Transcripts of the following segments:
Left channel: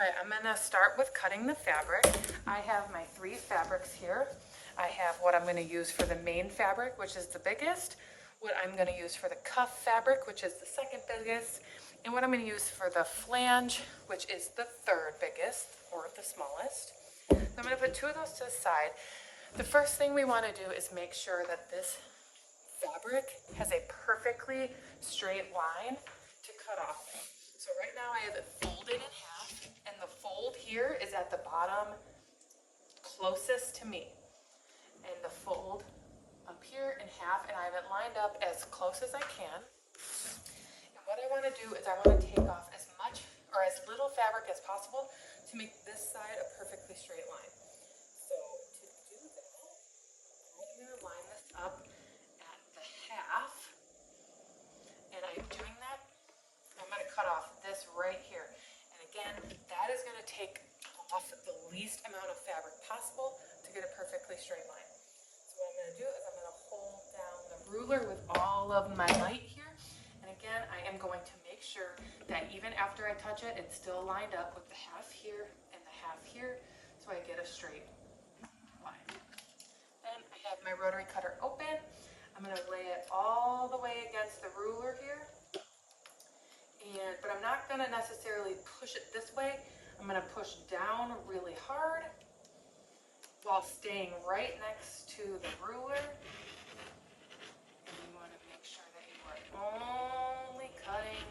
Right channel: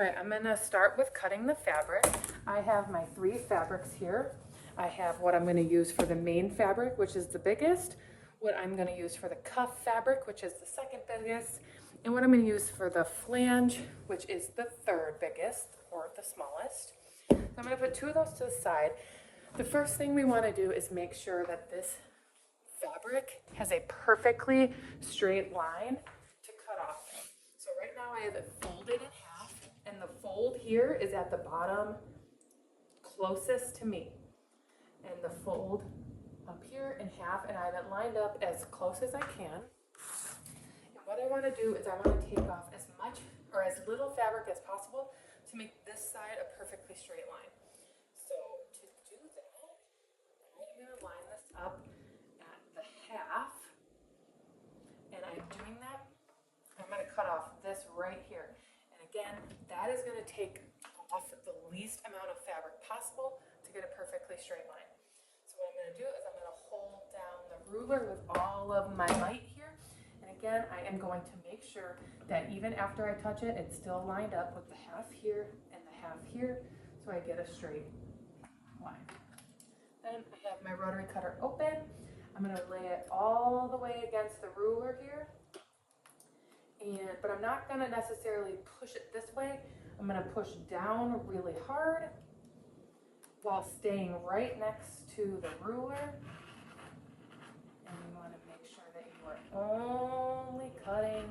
All right, I'm gonna start with cutting the fabric. I have my 3 fabrics here. I have what I'm gonna use for the main fabric, which is the biggest, what I'm gonna use for the cuff fabric, which is the second biggest, and what I'm gonna use for the flange, which is the 3rd biggest, or the smallest. So I'm gonna put 2 of those to the side. The first thing we wanna do is make sure that this fabric has a perfectly straight line to cut off. So right now I have it folded in half, and the fold here is at the bottom closest to me. And the fold up here in half, and I have it lined up as close as I can. And what I want to do is I want to take off as much or as little fabric as possible to make this side a perfectly straight line. So to do that, I'm going to line this up at the half, and I'm doing that. I'm going to cut off this right here. And again, that is going to take off the least amount of fabric possible to get a perfectly straight line. So what I'm going to do is I'm going to hold down the ruler with all of my might here. And again, I am going to make sure that even after I touch it, it's still lined up with the half here and the half here, so I get a straight line. Then I have my rotary cutter open. I'm going to lay it all the way against the ruler here. But I'm not going to necessarily push it this way. I'm going to push down really hard while staying right next to the ruler. And you want to make sure that you are only cutting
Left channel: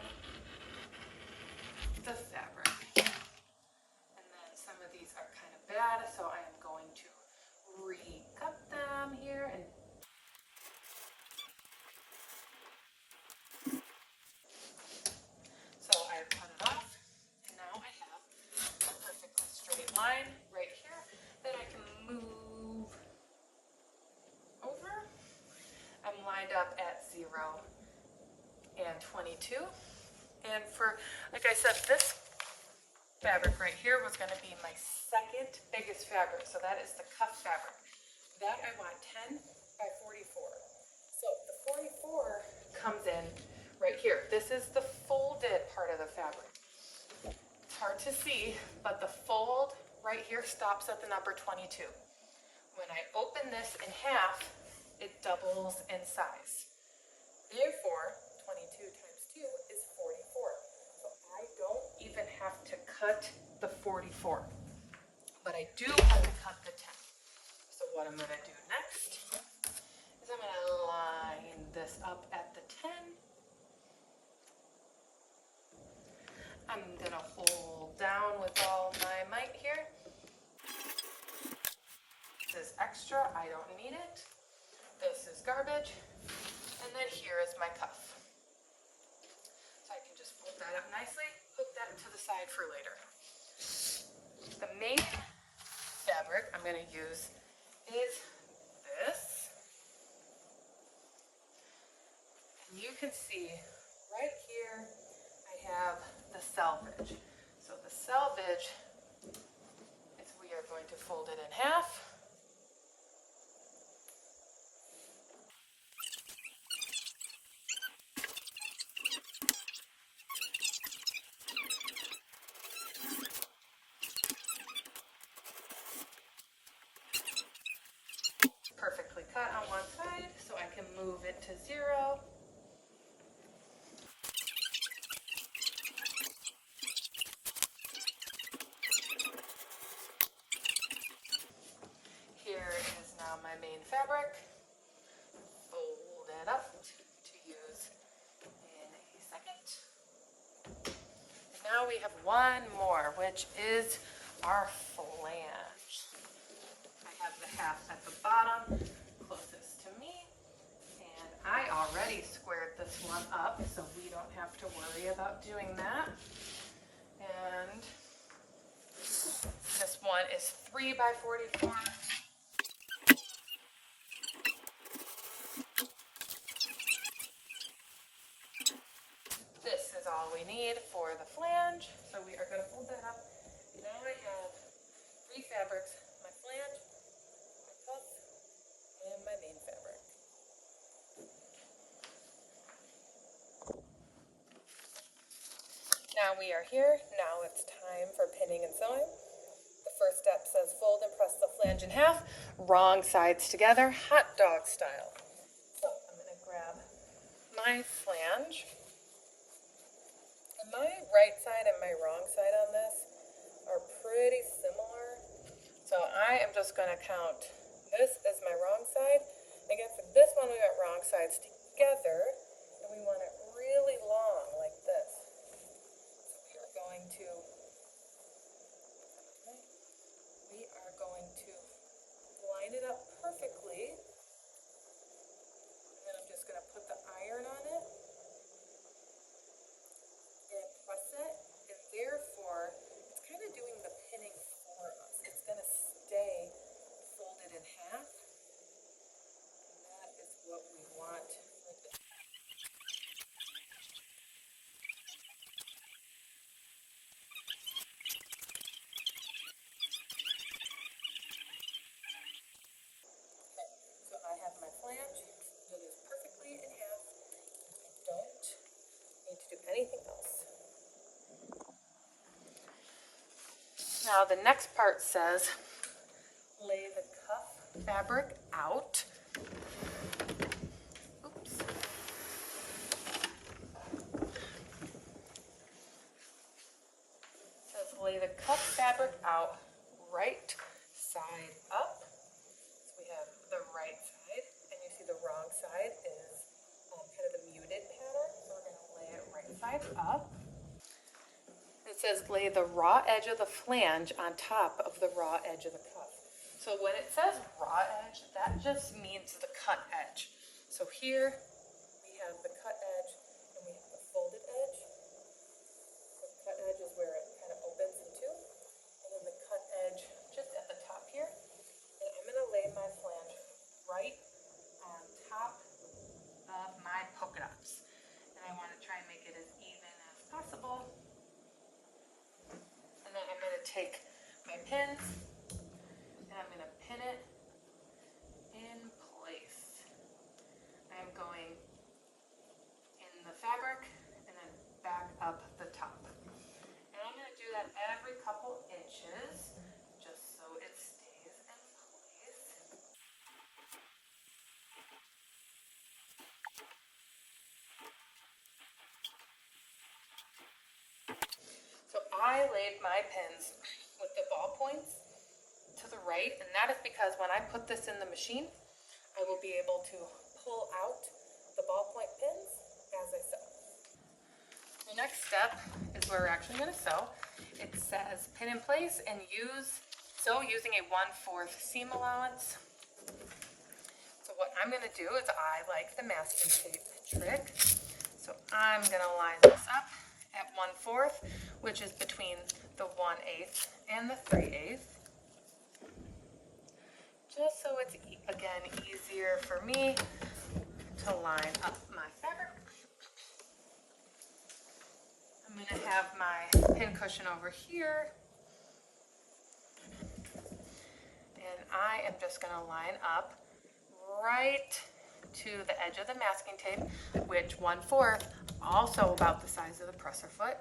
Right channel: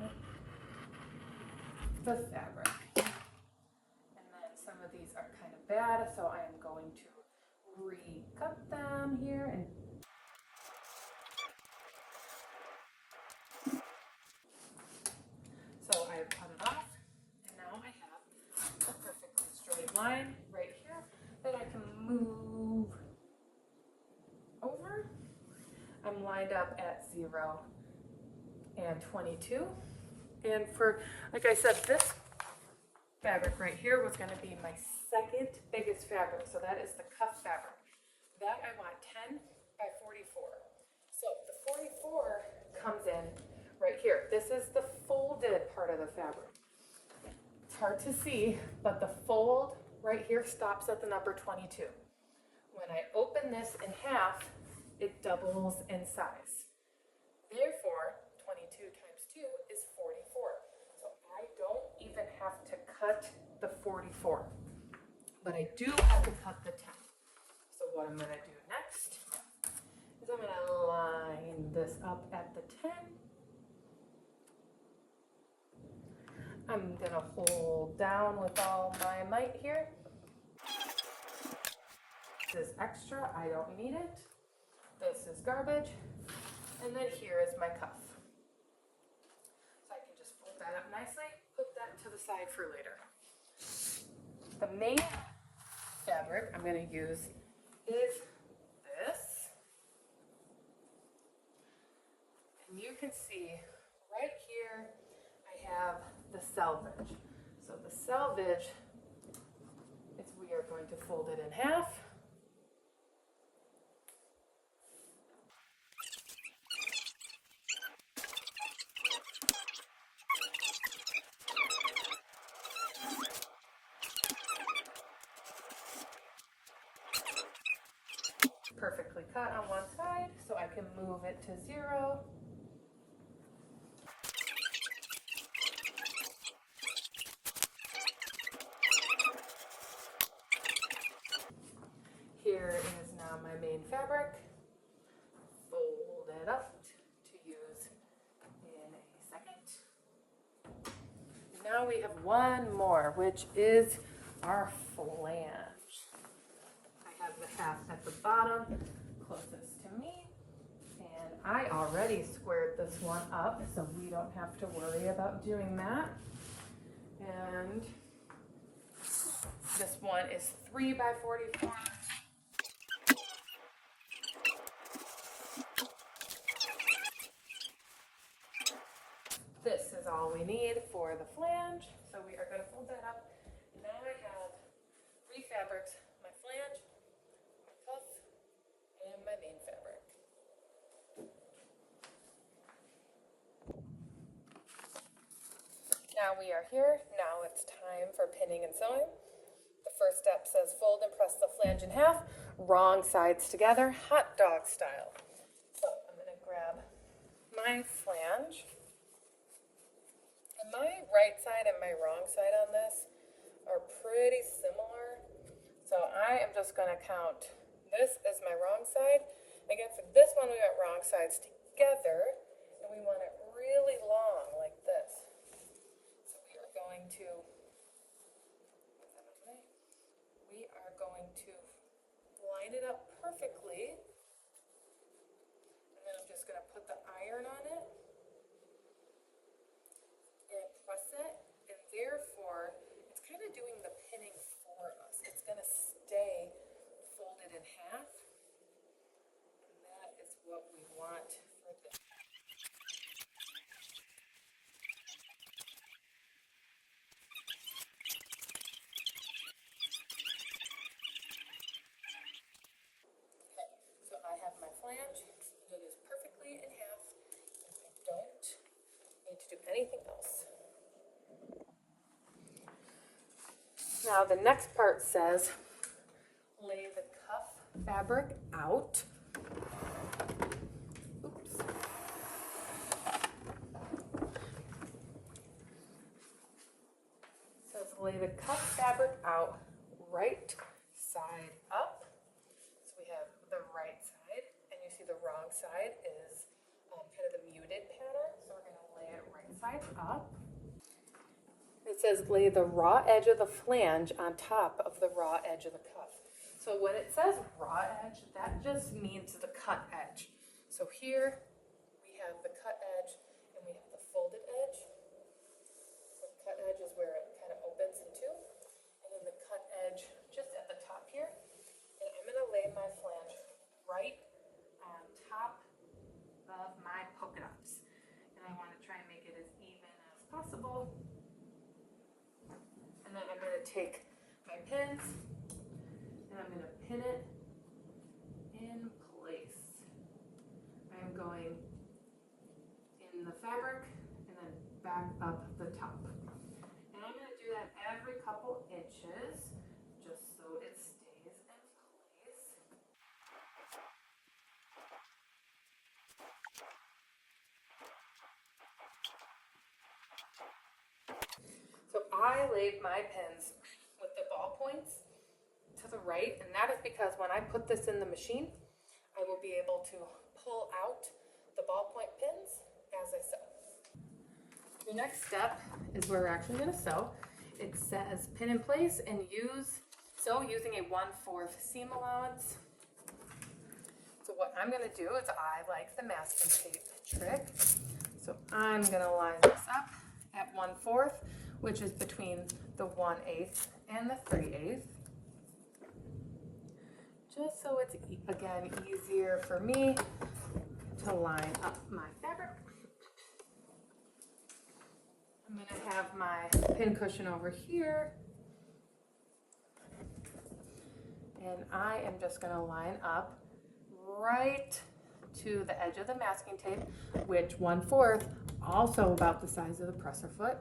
the fabric. And then some of these are kind of bad, so I am going to recut them here. And so I cut it off, and now I have a perfectly straight line right here that I can move over. I'm lined up at 0 and 22. And for, like I said, this fabric right here was going to be my 2nd biggest fabric. So that is the cuff fabric. That I want 10 by 44. So the 44 comes in right here. This is the folded part of the fabric. It's hard to see, but the fold right here stops at the number 22. When I open this in half, it doubles in size. Therefore, 22 times 2 is 44. So I don't even have to cut the 44, but I do have to cut the 10. So what I'm going to do next is I'm going to line this up at the 10. I'm going to hold down with all my might here. This is extra, I don't need it. This is garbage. And then here is my cuff. So I can just fold that up nicely, put that to the side for later. The main fabric I'm going to use is this. And you can see right here I have the selvage. So the selvage is we are going to fold it in half. Perfectly cut on one side, so I can move it to 0. Here is now my main fabric. Fold it up to use in a second. And now we have one more, which is our flange. I have the half at the bottom, closest to me. And I already squared this one up, so we don't have to worry about doing that. And this one is 3 by 44. This is all we need for the flange. So we are going to fold that up. Now I have 3 fabrics, my flange, my cuff, and my main fabric. Now we are here. Now it's time for pinning. pinning and sewing. The first step says fold and press the flange in half, wrong sides together, hot dog style. So I'm going to grab my flange. And my right side and my wrong side on this are pretty similar. So I am just going to count this as my wrong side. Again, for this one, we got wrong sides together, and we want it really long like this. We're going to line it up perfectly. And then I'm just going to put the iron on it and press it. And therefore, it's kind of doing the pinning for us. It's going to stay folded in half. And that is what we want with it. So I have my flange. It is perfectly in half. I don't need to do anything else. Now the next part says lay the cuff fabric out. Oops. It says lay the cuff fabric out right side up. So we have the right side, and you see the wrong side is kind of a muted pattern. So we're going to lay it right side up. It says lay the raw edge of the flange on top of the raw edge of the cuff. So when it says raw edge, that just means the cut edge. So here we have the cut edge and we have the folded edge. The cut edge is where it kind of opens in two. And then the cut edge just at the top here. And I'm going to lay my flange right on top of my polka dots. And I want to try and make it as even as possible. And then I'm going to take my pins and I'm going to pin it in place. I'm going in the fabric and then back up the top. And I'm going to do that every couple inches just so it stays in place. So I laid my pins with the ball points to the right, and that is because when I put this in the machine, I will be able to pull out the ballpoint pins as I sew. The next step is where we're actually going to sew. It says pin in place and sew using a 1/4 seam allowance. So what I'm going to do is I like the masking tape trick. So I'm going to line this up at 1/4, which is between the 1/8 and the 3/8. Just so it's, again, easier for me to line up my fabric. I'm going to have my pin cushion over here. And I am just going to line up right to the edge of the masking tape, which 1/4, also about the size of the presser foot.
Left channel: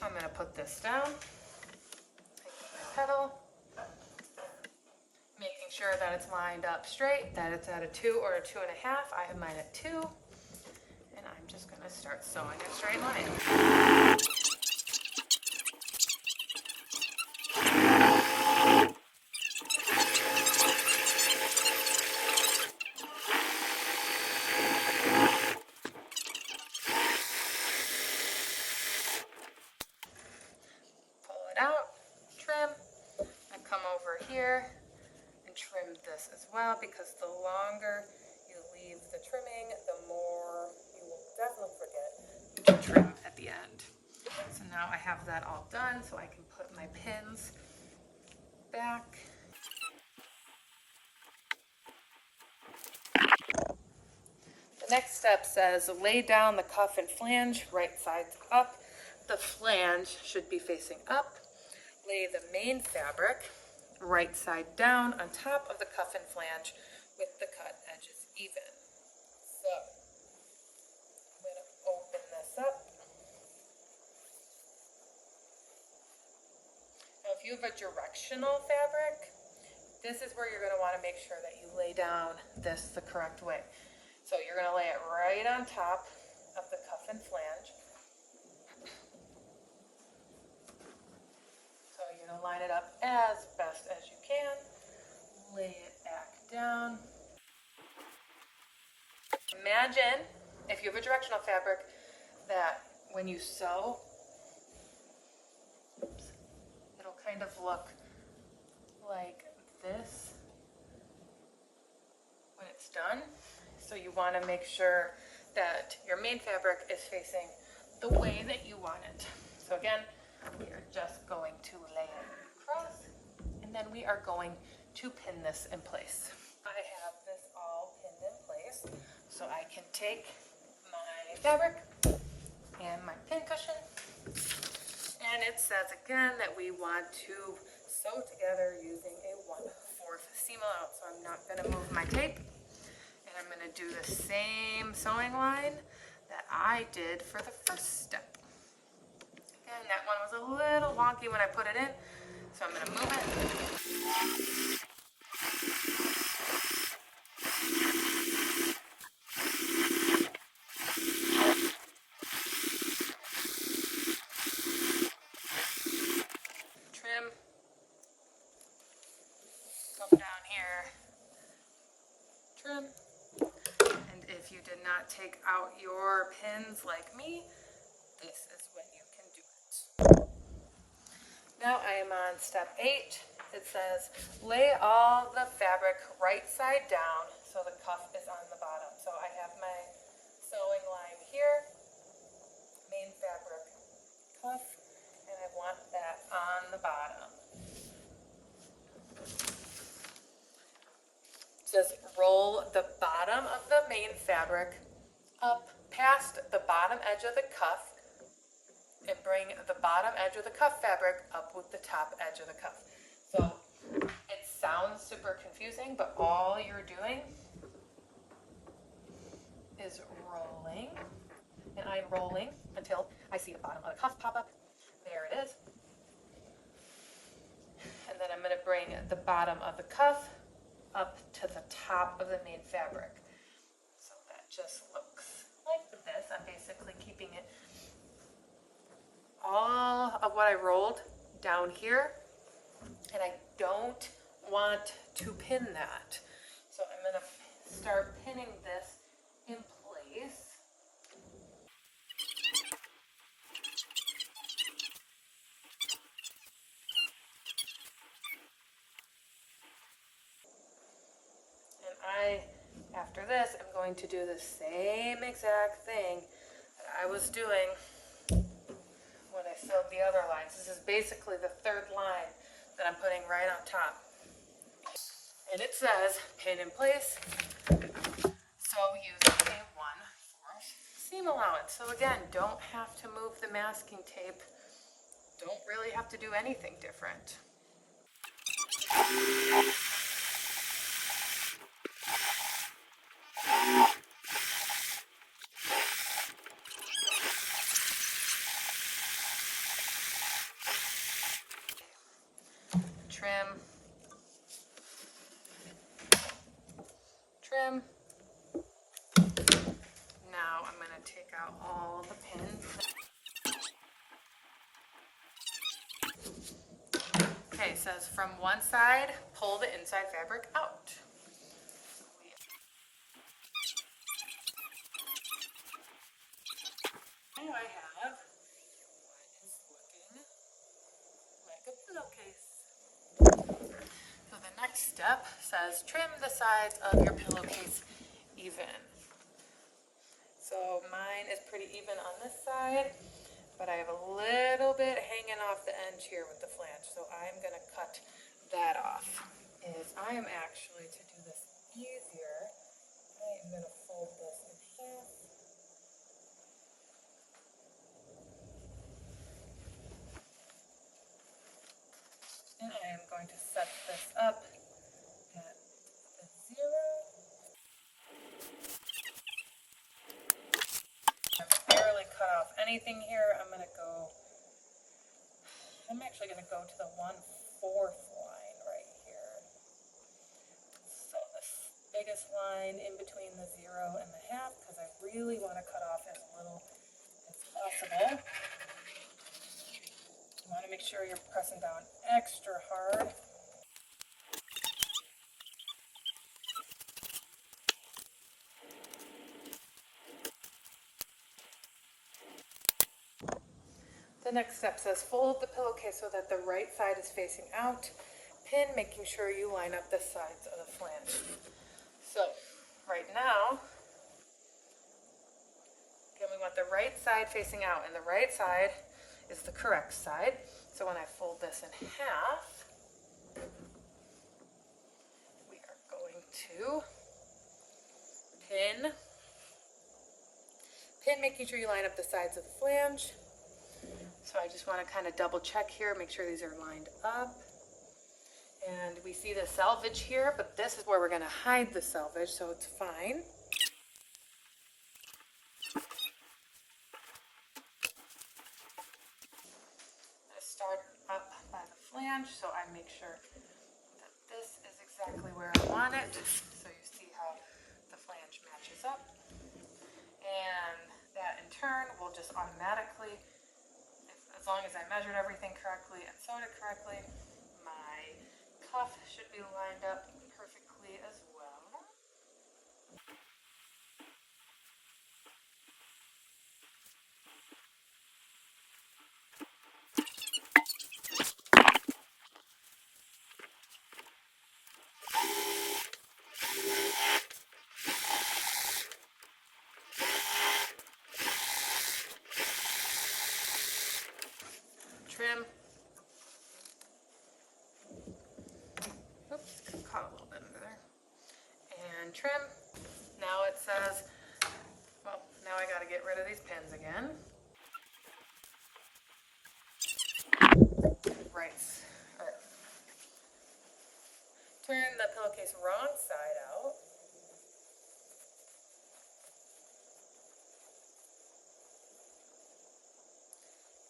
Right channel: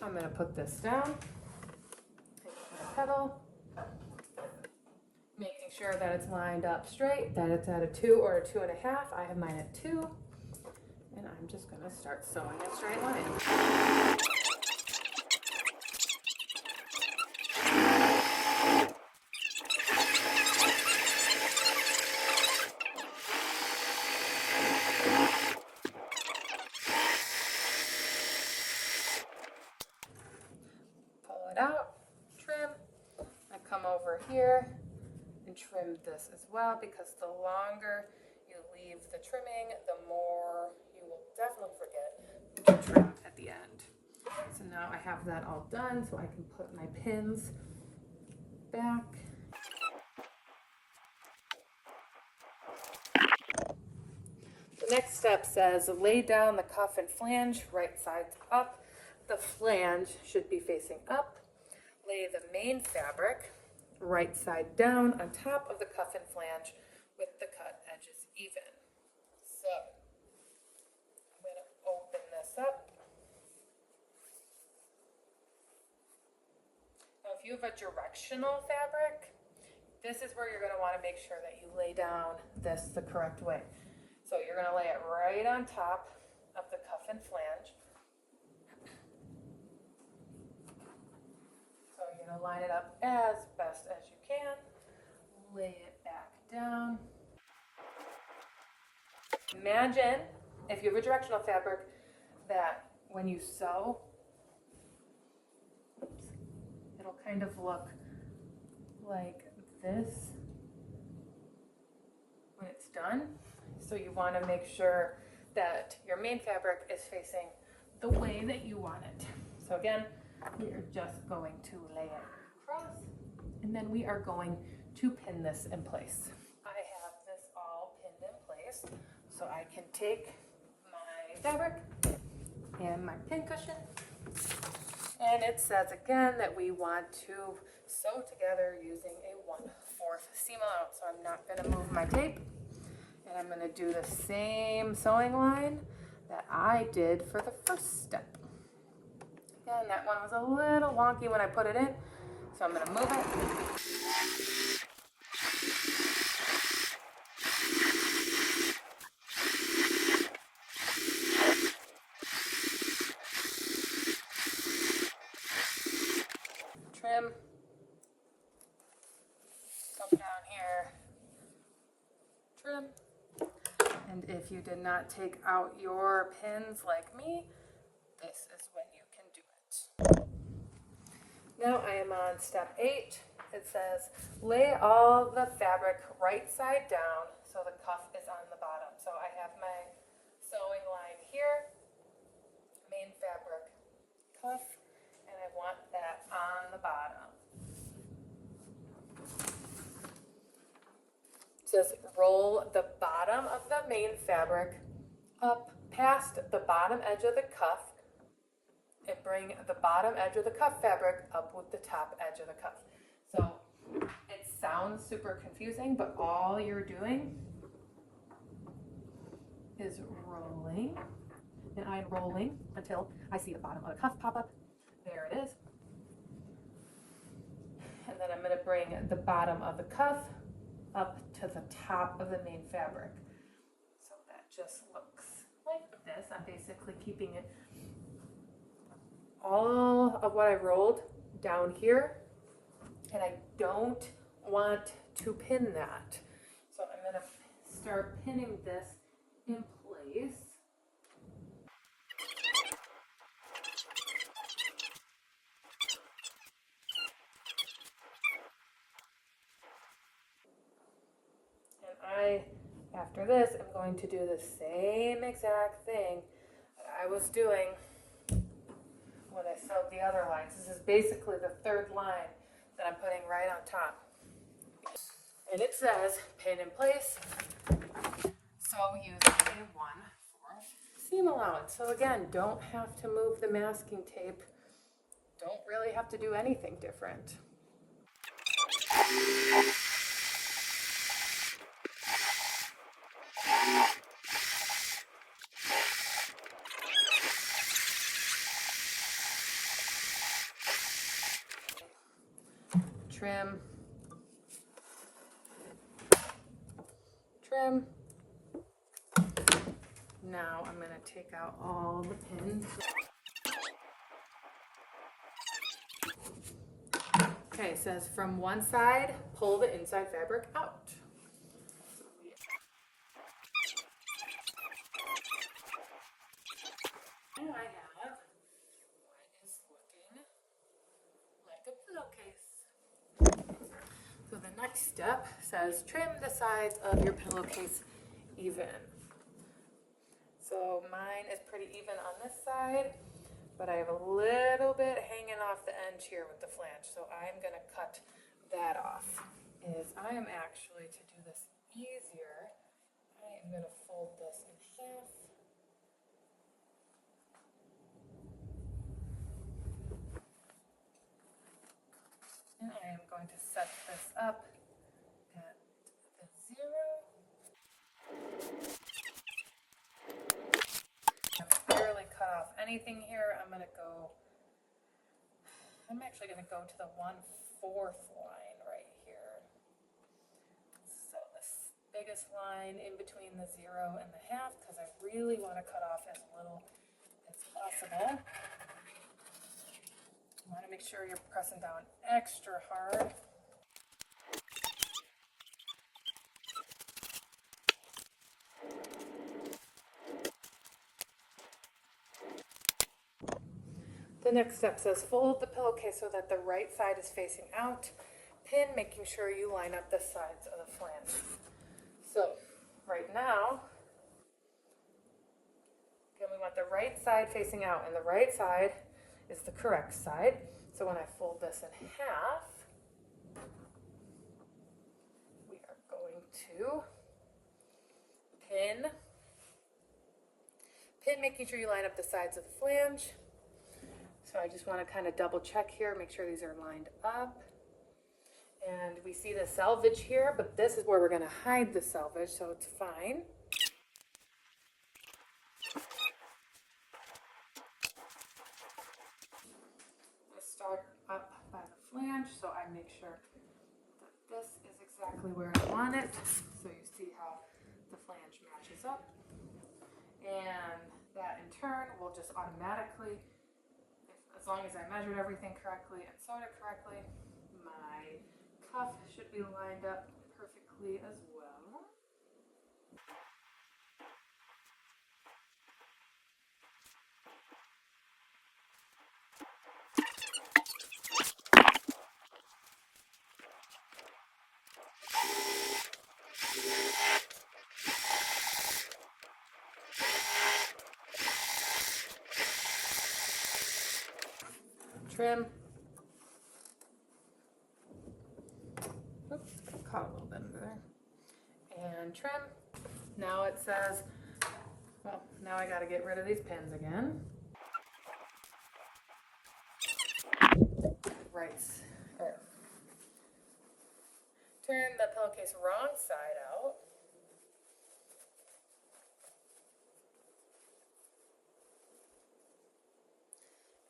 I'm going to put this down, take my pedal, making sure that it's lined up straight, that it's at a 2 or a 2.5. I have mine at 2, and I'm just going to start sewing a straight line. Pull it out, trim. I come over here and trim this as well, because the longer you leave the trimming, the more you will definitely forget to trim at the end. So now I have that all done, so I can put my pins back. The next step says lay down the cuff and flange right sides up. The flange should be facing up. Lay the main fabric right side down on top of the cuff and flange with the cut edges even. So I'm going to open this up. Now if you have a directional fabric, this is where you're going to want to make sure that you lay down this the correct way. So you're going to lay it right on top of the cuff and flange. So you're going to line it up as best as you can. Lay it back down. Imagine, if you have a directional fabric, that when you sew, it'll kind of look like this when it's done. So you want to make sure that your main fabric is facing the way that you want it. So again, we are just going to lay it across, and then we are going to pin this in place. I have this all pinned in place, so I can take my fabric and my pin cushion, and it says again that we want to sew together using a 1/4 seam allowance. So I'm not going to move my tape, and I'm going to do the same sewing line that I did for the first step. Again, that one was a little wonky when I put it in, so I'm going to move it. Trim, come down here, trim, and if you did not take out your pins like me, this is when you can do it. Now I am on step 8. It says lay all the fabric right side down so the cuff is on the bottom. So I have my sewing line here, main fabric, cuff, and I want that on the bottom. It says roll the bottom of the main fabric up past the bottom edge of the cuff and bring the bottom edge of the cuff fabric up with the top edge of the cuff. So it sounds super confusing, but all you're doing is rolling, and I'm rolling until I see the bottom of the cuff pop up. There it is. And then I'm going to bring the bottom of the cuff up to the top of the main fabric. So that just looks like this. I'm basically keeping it all of what I rolled down here, and I don't want to pin that. So I'm going to start pinning this in place. And after this, I'm going to do the same exact thing that I was doing when I sewed the other lines. This is basically the third line that I'm putting right on top. And it says pin in place, so use a 1/4 seam allowance. So again, don't have to move the masking tape. Don't really have to do anything different. Trim, trim. Now I'm going to take out all the pins. Okay, it says from one side, pull the inside fabric out. Now I have what is looking like a pillowcase. So the next step says trim the sides of your pillowcase even. So mine is pretty even on this side, but I have a little bit hanging off the edge here with the flange, so I'm going to cut that off. I am actually, to do this easier, I am going to fold this in half. And I am going to set this up at the 0. I've barely cut off anything here. I'm actually going to go to the 1/4 line in between the 0 and the half because I really want to cut off as little as possible. You want to make sure you're pressing down extra hard. The next step says fold the pillowcase so that the right side is facing out. Pin, making sure you line up the sides of the flange. So right now, again, we want the right side facing out, and the right side is the correct side. So when I fold this in half, we are going to pin, making sure you line up the sides of the flange. So I just want to kind of double check here, make sure these are lined up. And we see the selvage here, but this is where we're going to hide the selvage, so it's fine. I start up by the flange, so I make sure that this is exactly where I want it. So you see how the flange matches up. And that in turn will just automatically, as long as I measured everything correctly and sewed it correctly, my cuff should be lined up perfectly as well. Trim. Oops, caught a little bit under there. And trim. Now it says, well, now I got to get rid of these pins again. Right. Turn the pillowcase wrong side out.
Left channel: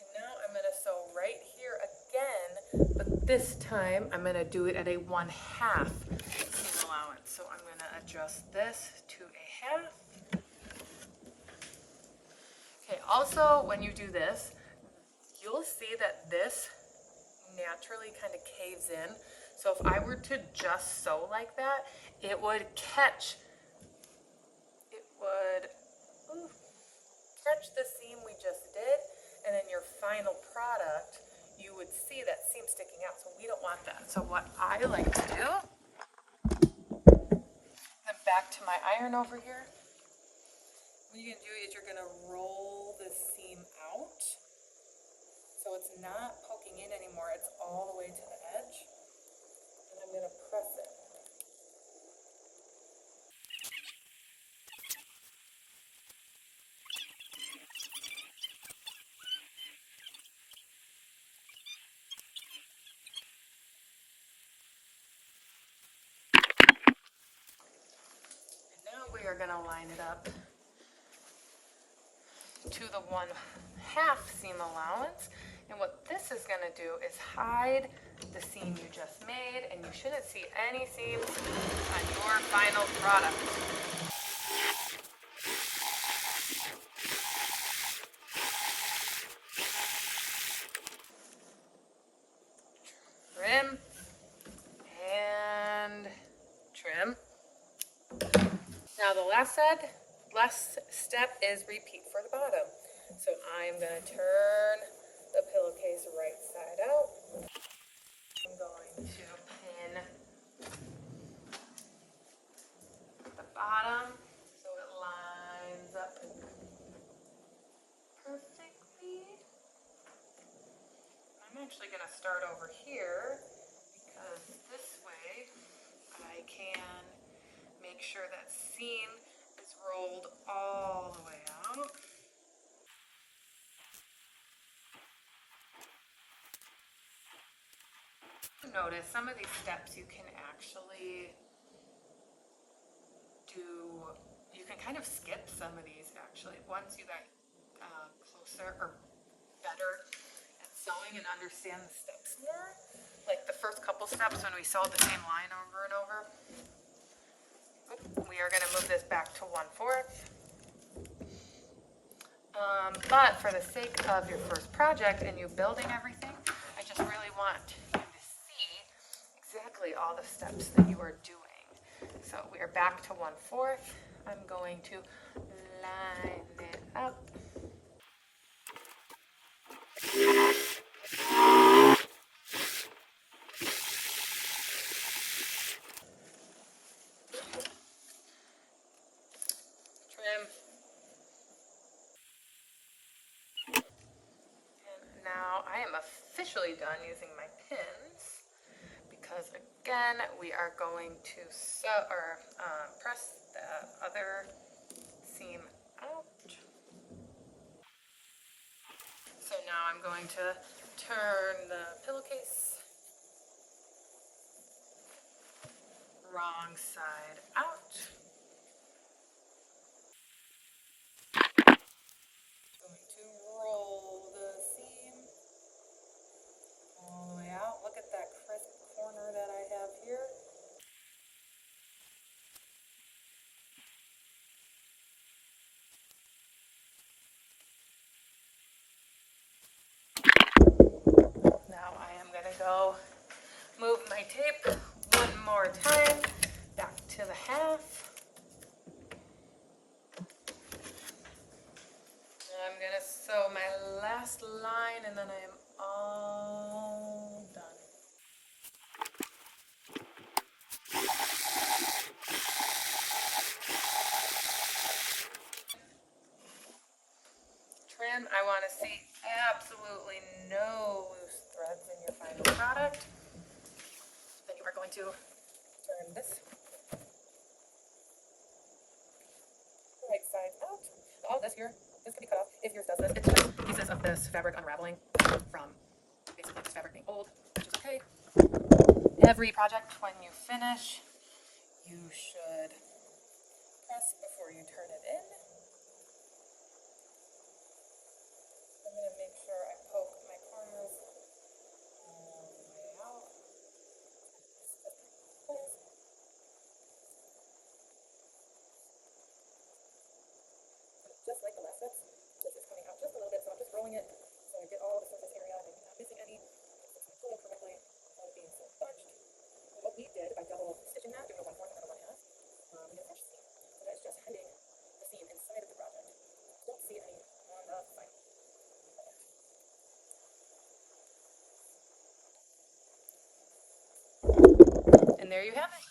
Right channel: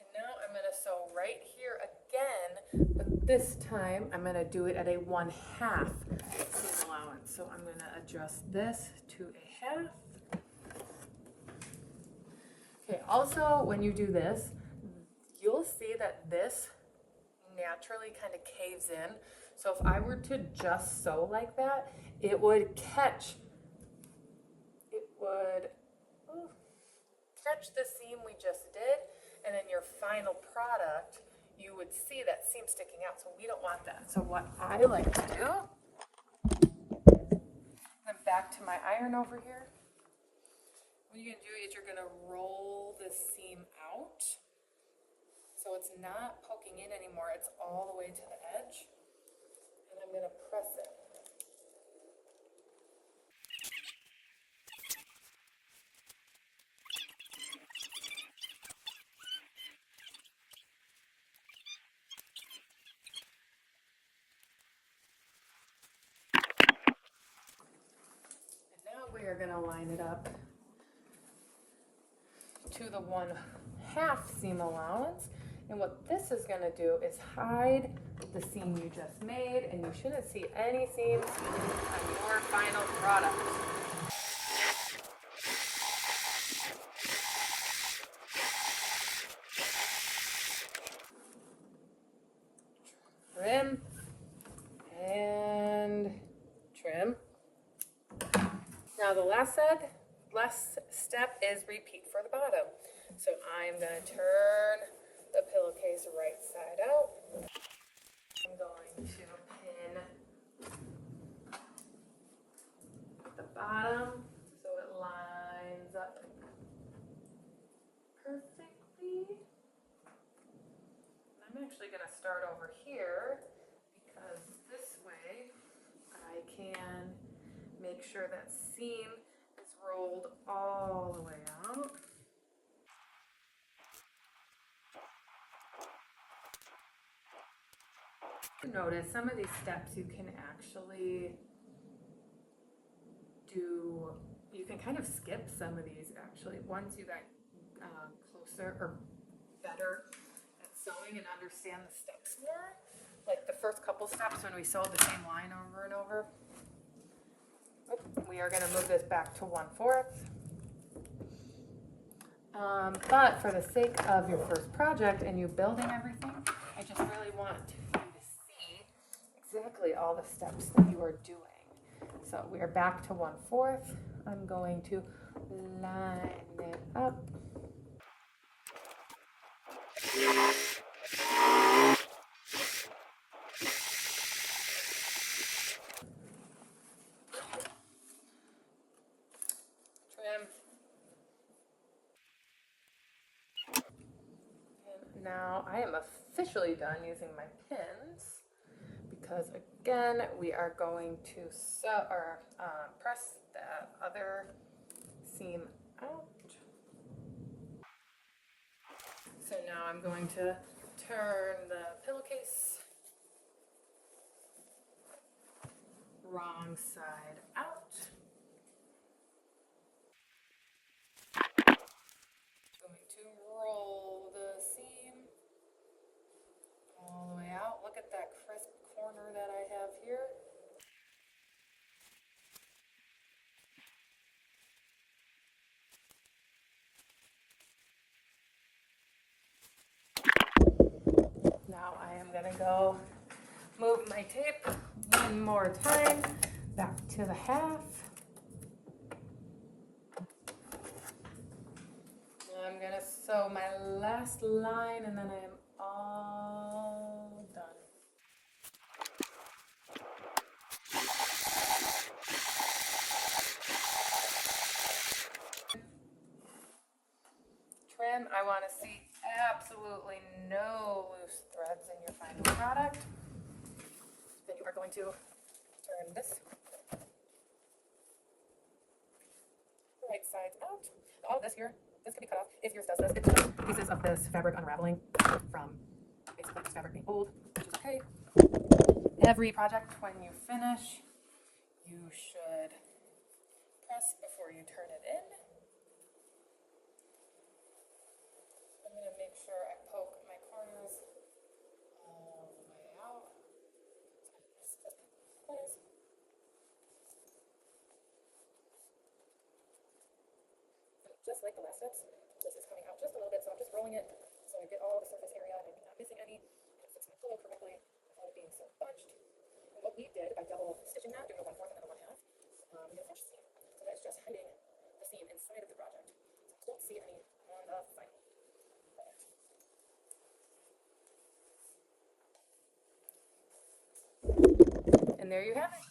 And now I'm going to sew right here again, but this time I'm going to do it at a 1/2 seam allowance. So I'm going to adjust this to a 1/2. Okay, also when you do this, you'll see that this naturally kind of caves in. So if I were to just sew like that, it would catch the seam we just did, and in your final product, you would see that seam sticking out. So we don't want that. So what I like to do, then back to my iron over here. What you're gonna do is you're gonna roll the seam out. So it's not poking in anymore, it's all the way to the edge. And I'm going to press it. And now we are going to line it up to the 1/2 seam allowance. And what this is going to do is hide the seam you just made, and you shouldn't see any seams on your final product. Trim and trim. Now the last step is repeat for the bottom. So I'm going to turn the pillowcase right side out. I'm going to pin the bottom so it lines up perfectly. I'm actually going to start over here because this way I can make sure that seam is rolled all the way out. Notice some of these steps you can actually do, you can kind of skip some of these actually once you got closer or better at sewing and understand the steps more. Like the first couple steps when we sewed the same line over and over, We are going to move this back to 1/4. But for the sake of your first project and you building everything, I just really want you to see exactly all the steps that you are doing. So we are back to 1/4. I'm going to line it up. Trim. And now I am officially done using my pins because again, we are going to press the other seam out. So now I'm going to turn the pillowcase wrong side out. Roll the seam all the way out. Look at that crisp corner that I have here. Now I am going to go move my tape one more time back to the half. I'm going to sew my last line and then I am all done. Trim, I want to see absolutely no loose threads in your final product. Then you are going to turn this right side out. Oh, this here, this can be cut off if yours does this. It's just pieces of this fabric unraveling from basically this fabric being old, which is okay. Every project, when you finish, you should press before you turn it in. I'm going to make sure I poke my corners all the way out. Just like the last steps, this is coming out just a little bit, so I'm just rolling it so I get all the surface area and I'm not missing any. It's my tool correctly without being so parched. And what we did by double stitching that, doing a 1/4 and a 1/2, we have fresh seam. So that's just hiding the seam inside of the project. Don't see any on the front. And there you have it.